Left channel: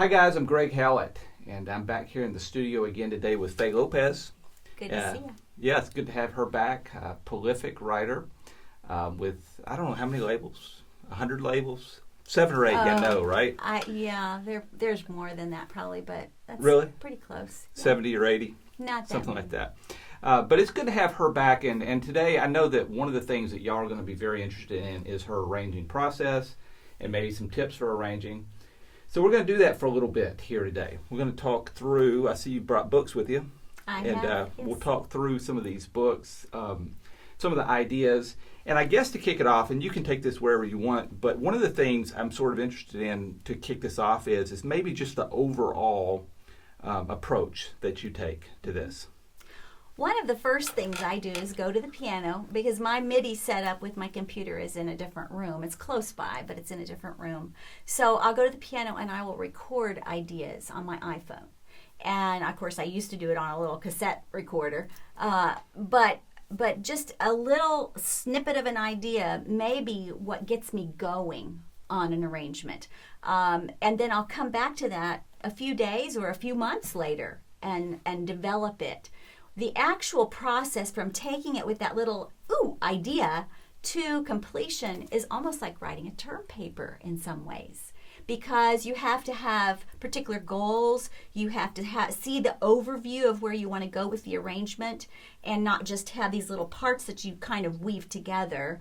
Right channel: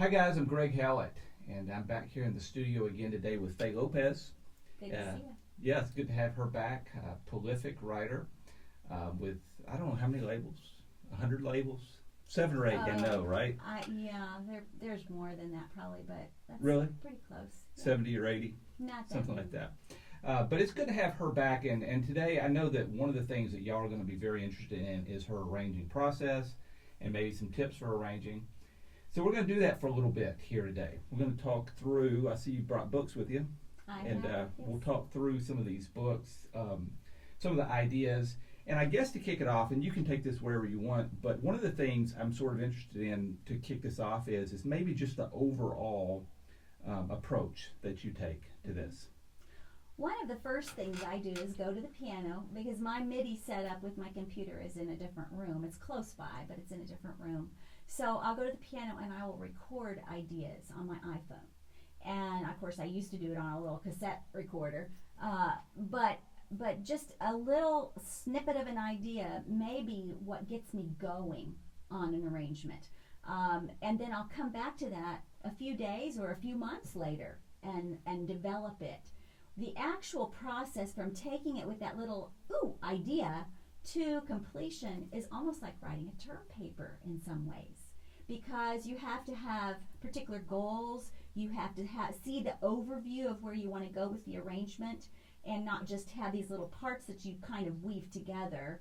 Hi guys, I'm Greg Howlett, and I'm back here in the studio again today with Faye Lopez. Good to see you. Yeah, it's good to have her back. Prolific writer with, I don't know how many labels, 100 labels? 7 or 8, I know, right? There's more than that probably, but that's really pretty close. 70 or 80? Not that something many. like that. But it's good to have her back, and today I know that one of the things that y'all are going to be very interested in is her arranging process and maybe some tips for arranging. So we're going to do that for a little bit here today. We're going to talk through, I see you brought books with you. Yes. We'll talk through some of these books, some of the ideas. And I guess to kick it off, and you can take this wherever you want, but one of the things I'm sort of interested in to kick this off is maybe just the overall approach that you take to this. One of the first things I do is go to the piano because my MIDI setup with my computer is in a different room. It's close by, but it's in a different room. So I'll go to the piano and I will record ideas on my iPhone. And of course I used to do it on a little cassette recorder, but just a little snippet of an idea may be what gets me going on an arrangement. And then I'll come back to that a few days or a few months later and develop it. The actual process from taking it with that little idea to completion is almost like writing a term paper in some ways, because you have to have particular goals. You have to see the overview of where you want to go with the arrangement and not just have these little parts that you kind of weave together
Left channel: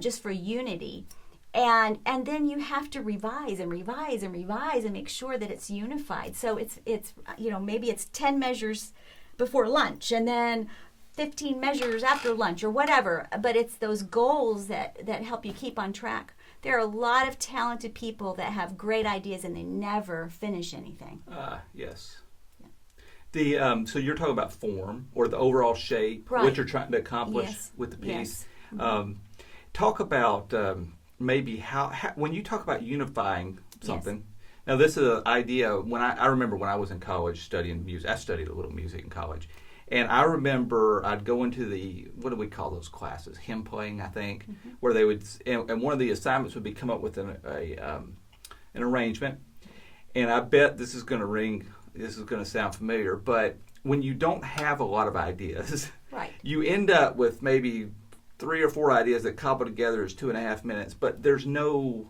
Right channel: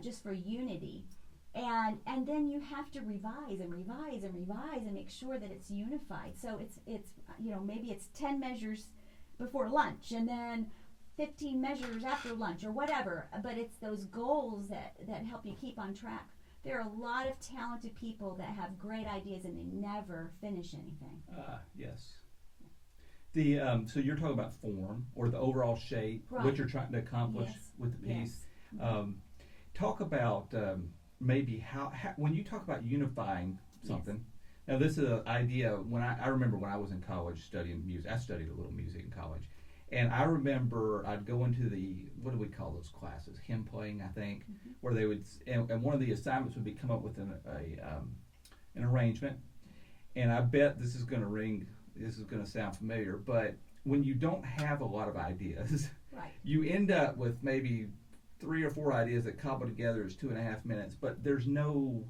just for unity. And then you have to revise and revise and revise and make sure that it's unified. So it's maybe it's 10 measures before lunch and then 15 measures after lunch or whatever, but it's those goals that help you keep on track. There are a lot of talented people that have great ideas and they never finish anything. Yes. So you're talking about form or the overall shape, right. What you're trying to accomplish with the piece. Yes. Talk about maybe how when you talk about unifying something. Yes. Now, this is an idea. When I remember when I was in college studying music, I studied a little music in college, and I remember I'd go into what do we call those classes? Hymn playing, I think, where they would, and one of the assignments would be come up with an arrangement. And I bet this is going to sound familiar, but when you don't have a lot of ideas, right. You end up with maybe 3 or 4 ideas that cobble together as 2.5 minutes, but there's no.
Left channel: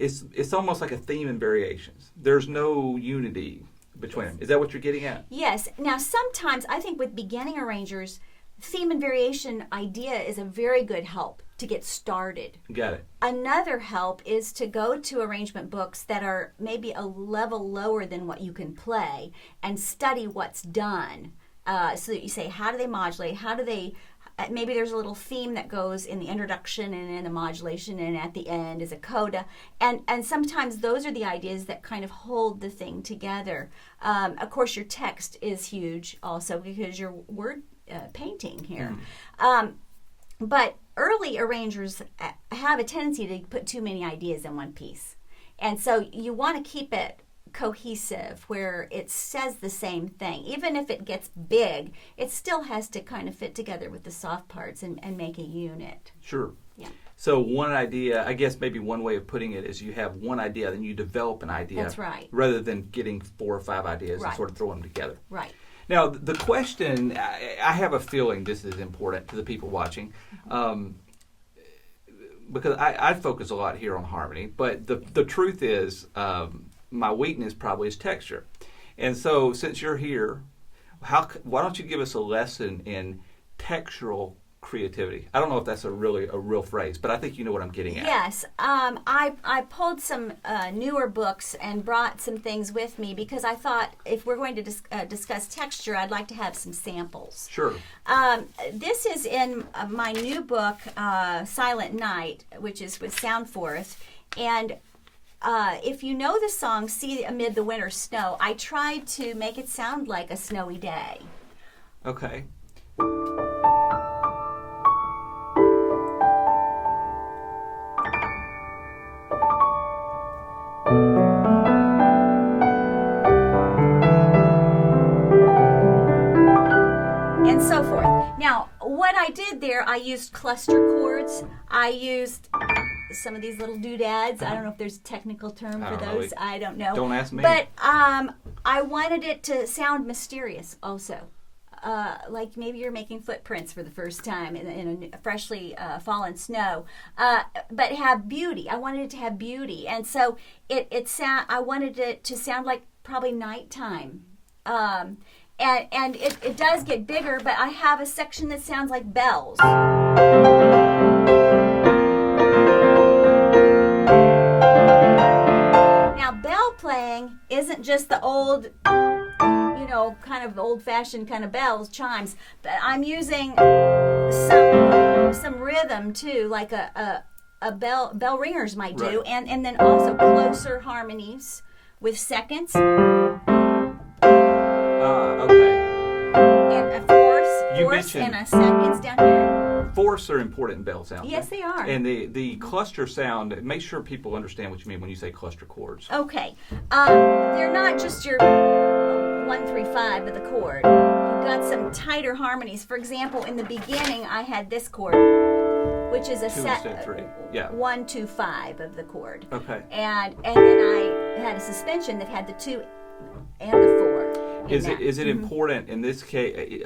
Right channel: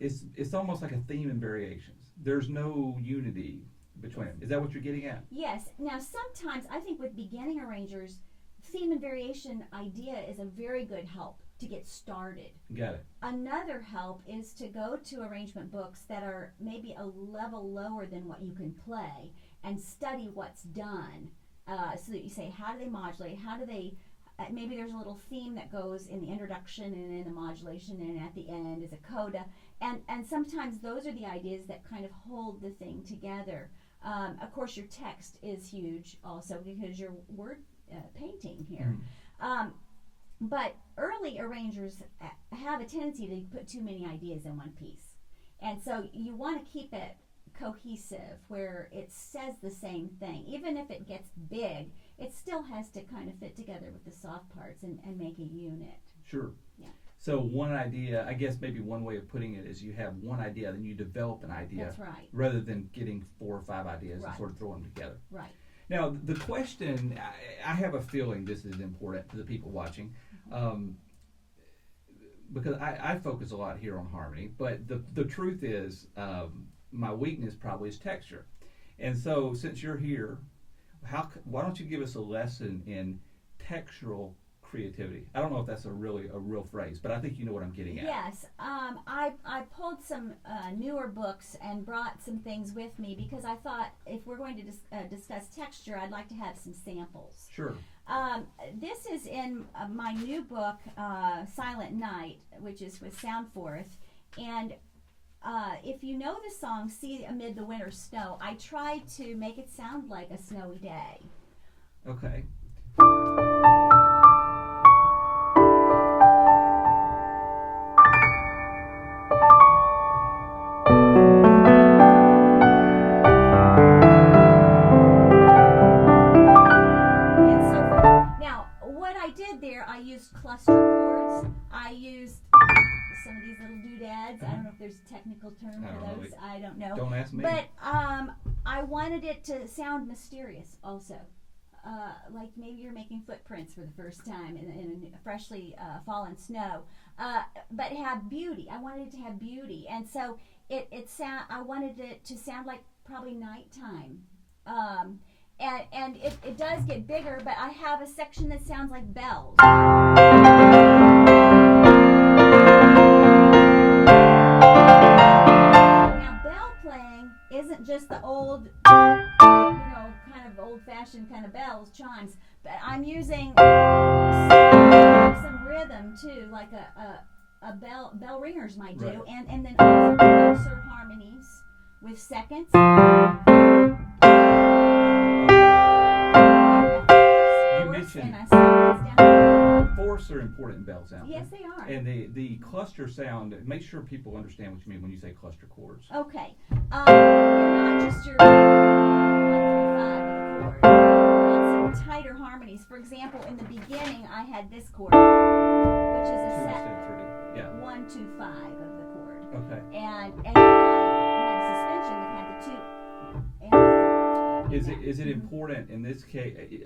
It's almost like a theme and variations. There's no unity between them. Is that what you're getting at? Yes. Now, sometimes I think with beginning arrangers, theme and variation idea is a very good help to get started. Got it. Another help is to go to arrangement books that are maybe a level lower than what you can play and study what's done. So that you say, how do they modulate? How do they... Maybe there's a little theme that goes in the introduction and in the modulation, and at the end is a coda. And sometimes those are the ideas that kind of hold the thing together. Of course, your text is huge also because you're word painting here. But early arrangers have a tendency to put too many ideas in one piece. And so you want to keep it cohesive where it says the same thing. Even if it gets big, it still has to kind of fit together with the soft parts and make a unit. Sure. Yeah. So one idea, I guess maybe one way of putting it is you have one idea, then you develop an idea. That's right. Rather than getting 4 or 5 ideas Right. and sort of throw them together. Right. Now, the question, I have a feeling this is important to the people watching, because I focus a lot here on harmony, but the truth is, my weakness probably is texture. And so since you're here, why don't you give us a lesson in textural creativity? I don't know if that's a real phrase, but I think you know what I'm getting at. Yes. I pulled some newer books and brought some things with me because I thought if we're going to discuss texture, I'd like to have some samples. Sure. This is in my new book, Silent Night, which is with Soundforth. And if you know the song, See Amid the Winter Snow, I tried to make it sound like a snowy day. Okay. And so forth. Now, what I did there, I used cluster chords. I used some of these little doodads. I don't know if there's a technical term for don't those. know. I don't know. Don't ask me. But I wanted it to sound mysterious also. Like maybe you're making footprints for the first time in a freshly fallen snow, but have beauty. I wanted it to have beauty, and so I wanted it to sound like probably nighttime, and it does get bigger. But I have a section that sounds like bells. Now, bell playing isn't just the old, kind of old-fashioned kind of bells, chimes, but I'm using some rhythm too, like a bell ringers might do, right. and then also closer harmonies with seconds. And a fourths and a seconds down here. Fourths are important in bell sound. Yes, they are. And the cluster sound, make sure people understand what you mean when you say cluster chords. Okay. They're not just your 1, 3, 5 of the chord. You've got some tighter harmonies. For example, in the beginning, I had this chord, which is a 2 instead of 3. Yeah. 1, 2, 5 of the chord. Okay. And then I had a suspension that had the 2 and the 4. Is it important in this case?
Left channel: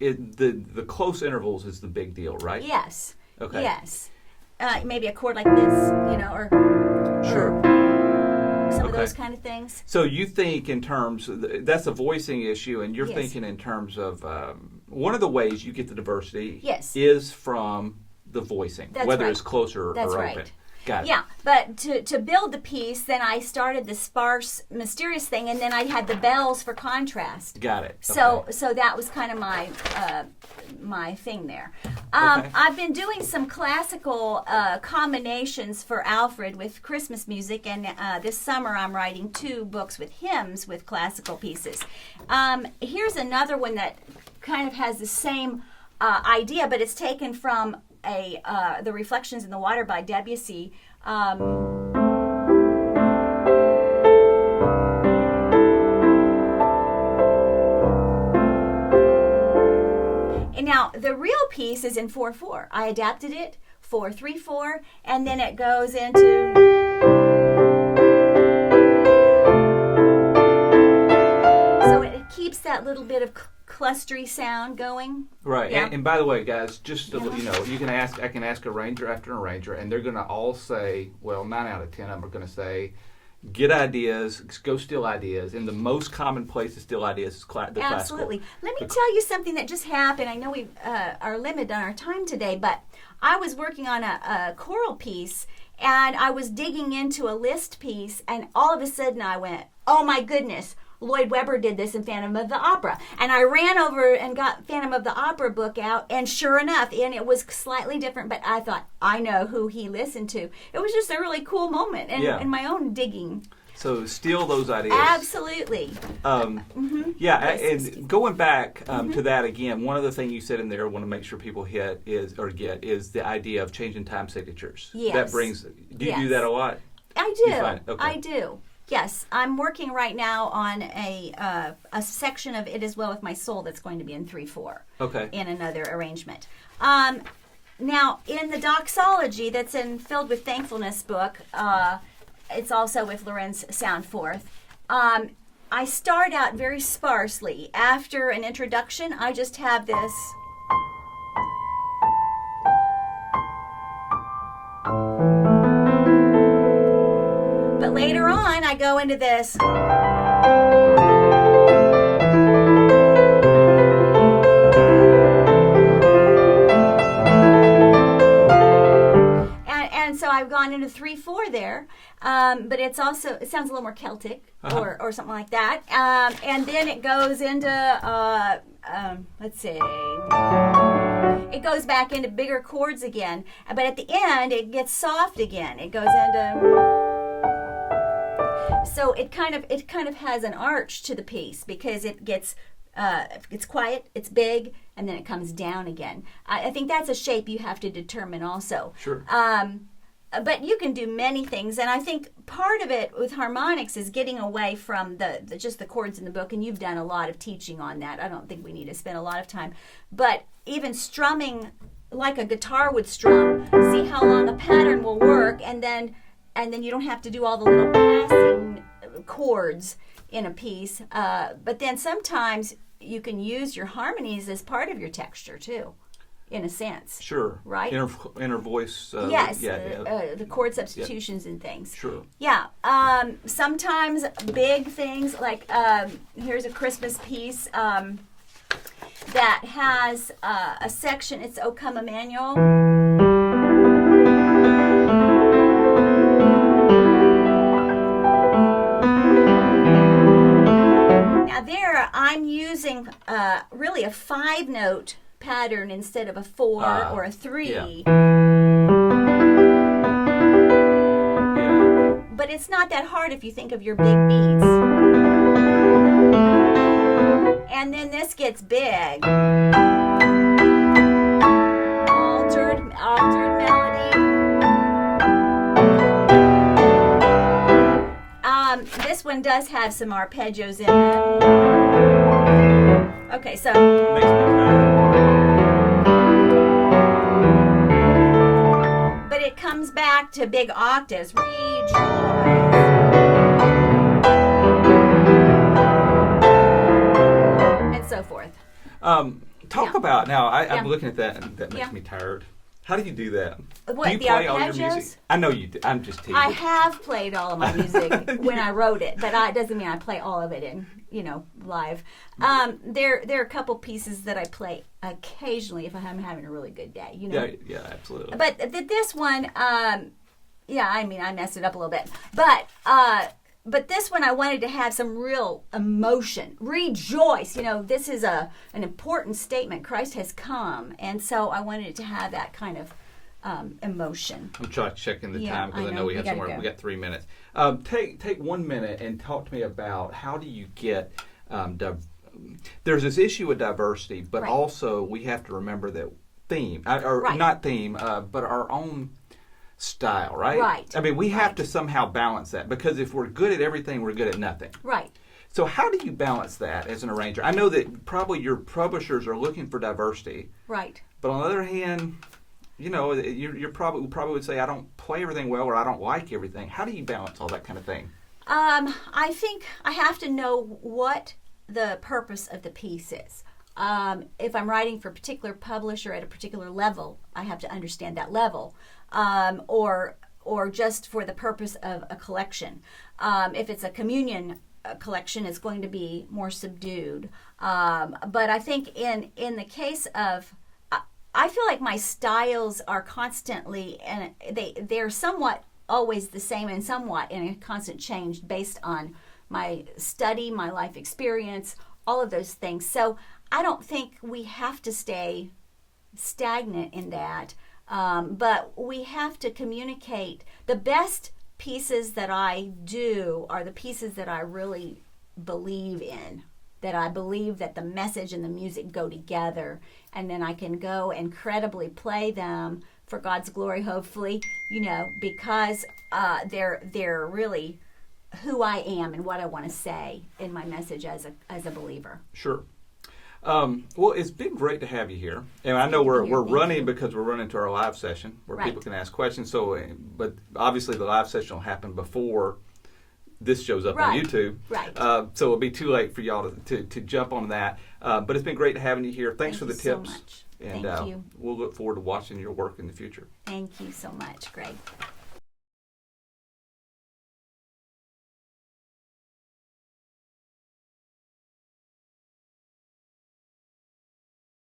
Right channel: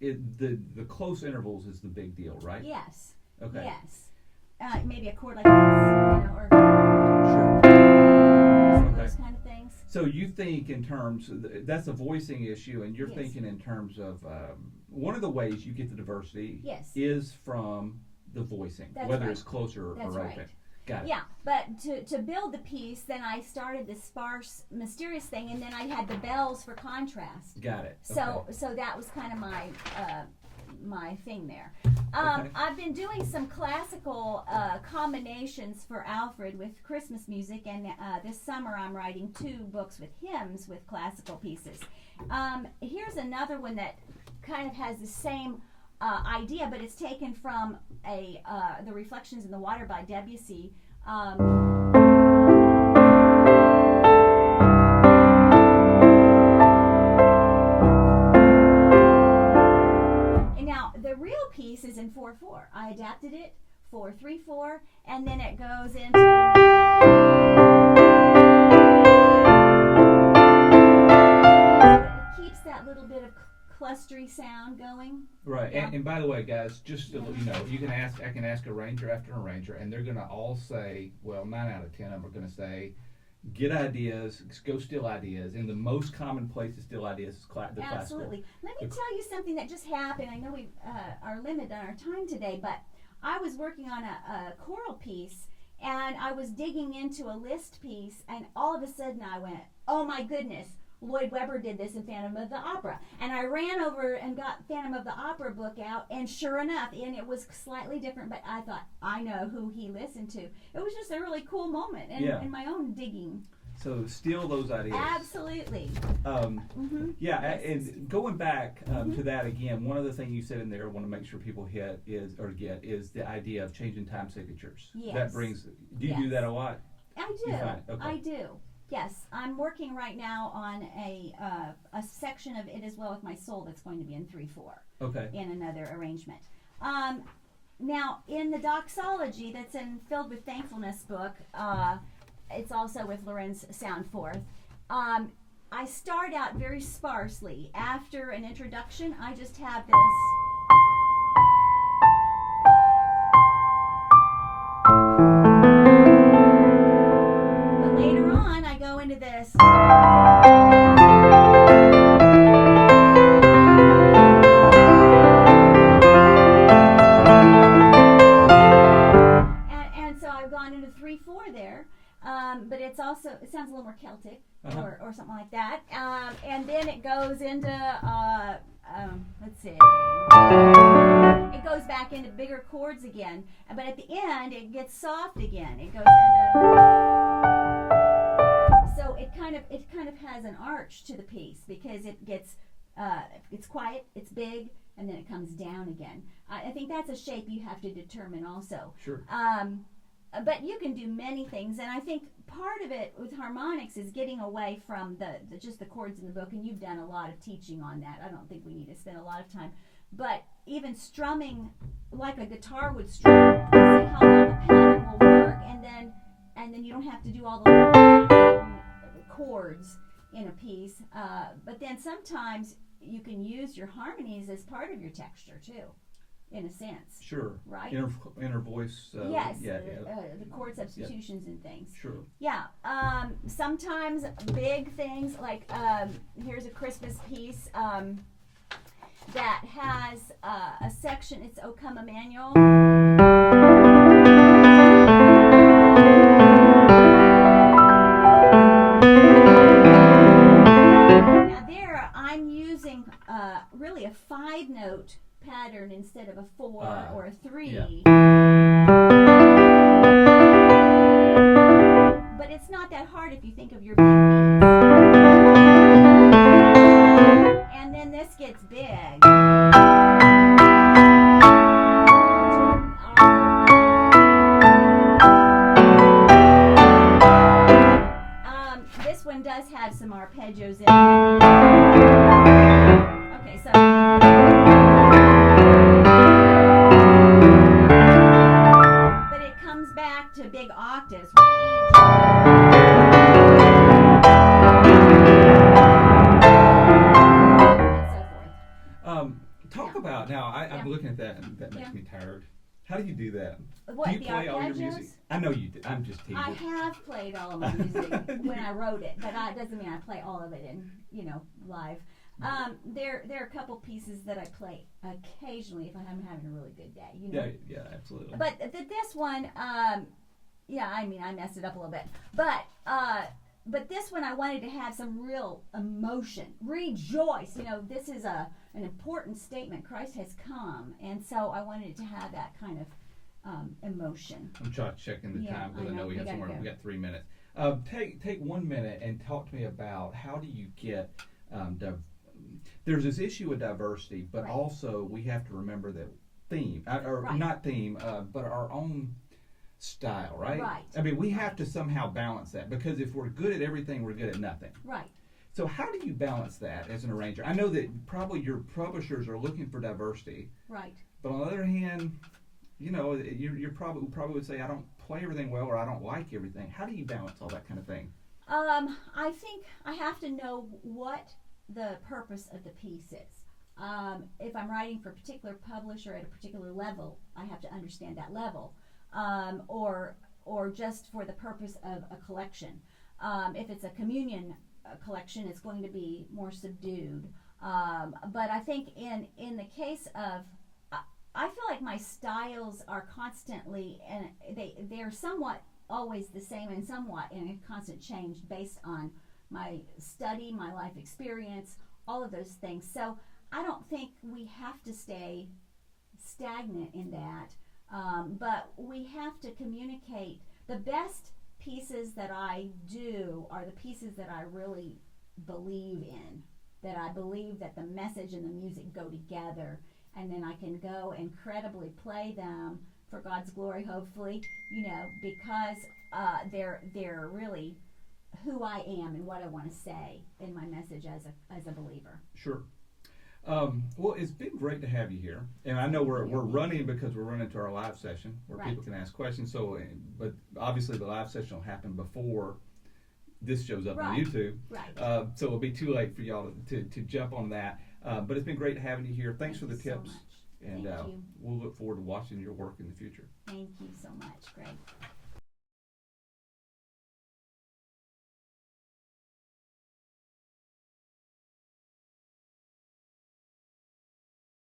The close intervals is the big deal, right? Yes. Okay. Yes. Maybe a chord like this, or Sure. some of those kind of things. So you think in terms, that's a voicing issue, and you're Yes. thinking in terms of one of the ways you get the diversity Yes. is from the voicing, That's whether right. it's closer That's or right. open. Got it. Yeah, but to build the piece, then I started the sparse, mysterious thing, and then I had the bells for contrast. Got it. So Okay. so that was kind of my thing there. Okay. I've been doing some classical combinations for Alfred with Christmas music, and this summer I'm writing 2 books with hymns with classical pieces. Here's another one that kind of has the same idea, but it's taken from the Reflections in the Water by Debussy. And now the real piece is in 4/4. I adapted it 4/3/4, and then it goes into. So it keeps that little bit of clustery sound going. Right. Yeah. And by the way, guys, just to, I can ask arranger after arranger, and they're going to all say, well, 9 out of 10 of them are going to say, get ideas, go steal ideas. And the most common place to steal ideas is the classical. Absolutely. Let me tell you something that just happened. I know we are limited on our time today, but I was working on a choral piece, and I was digging into a Liszt piece, and all of a sudden I went, oh my goodness, Lloyd Webber did this in Phantom of the Opera. And I ran over and got Phantom of the Opera book out, and sure enough, and it was slightly different, but I thought, I know who he listened to. It was just a really cool moment in my own digging. So steal those ideas. Absolutely. Yeah, Yes. and going back to that again, one of the things you said in there I want to make sure people get is the idea of changing time signatures. Yes. That brings, do you do Yes. that a lot? I You do. find- okay. I do. Yes, I'm working right now on a section of It Is Well With My Soul that's going to be in 3/4 Okay. in another arrangement. Now, in the doxology that's in Filled with Thankfulness book, it's also with Lorenz Soundforth. I start out very sparsely. After an introduction, I just have this. But later on, I go into this. And so I've gone into 3/4 there, but it sounds a little more Celtic or something like that. And then it goes into let's see. It goes back into bigger chords again, but at the end it gets soft again. It goes into. So it kind of has an arch to the piece because it's quiet, it's big, and then it comes down again. I think that's a shape you have to determine also. Sure. But you can do many things, and I think part of it with harmonics is getting away from just the chords in the book, and you've done a lot of teaching on that. I don't think we need to spend a lot of time. But even strumming like a guitar would strum see how long a pattern will work, and then you don't have to do all the little passing chords in a piece. But then sometimes you can use your harmonies as part of your texture too, in a sense. Sure. Right? Inner voice. Yes. The chord substitutions and things. Sure. Yeah. Sometimes big things like here's a Christmas piece that has a section. It's O Come Emmanuel. Now there, I'm using really a 5-note pattern instead of a 4 or a 3. Yeah. But it's not that hard if you think of your big beats. And then this gets big. Altered melody. This one does have some arpeggios in it. Okay, so. But it comes back to big octaves. And so forth. Talk about, now I'm looking at that and that makes Yeah. me tired. How do you do that? What, do you the play all your arpeggios? music? I know you do. I'm just teasing. I have played all of my music when I wrote it, but it doesn't mean I play all of it in, live. There are a couple pieces that I play occasionally if I'm having a really good day, Yeah, absolutely. But this one, I messed it up a little bit. But this one I wanted to have some real emotion. Rejoice. This is an important statement. Christ has come. And so I wanted it to have that kind of emotion. I'm checking the time because I know we have somewhere. We got 3 minutes. Take 1 minute and talk to me about how do you get there's this issue with diversity, but Right. also we have to remember that but our own style, right? Right. I mean, we have to somehow balance that because if we're good at everything, we're good at nothing. Right. So how do you balance that as an arranger? I know that probably your publishers are looking for diversity. Right. But on the other hand, you're probably would say I don't play everything well or I don't like everything. How do you balance all that kind of thing? I think I have to know what the purpose of the piece is. If I'm writing for a particular publisher at a particular level, I have to understand that level. Or just for the purpose of a collection. If it's a communion collection, it's going to be more subdued. But I think in the case of, I feel like my styles are constantly, and they're somewhat always the same and somewhat in a constant change based on my study, my life experience, all of those things. So I don't think we have to stay stagnant in that. But we have to communicate. The best pieces that I do are the pieces that I really believe in, that I believe that the message and the music go together, and then I can go and credibly play them for God's glory, hopefully, because they're really who I am and what I want to say in my message as a believer. Sure. Well, it's been great to have you here, and I know we're running because we're running to our live session where people can ask questions. So, but obviously the live session will happen before this shows up on YouTube. Right. So it'll be too late for y'all to jump on that. But it's been great having you here. Thanks for the tips. So much. And Thank you. We'll look forward to watching your work in the future. Thank you so much, Greg.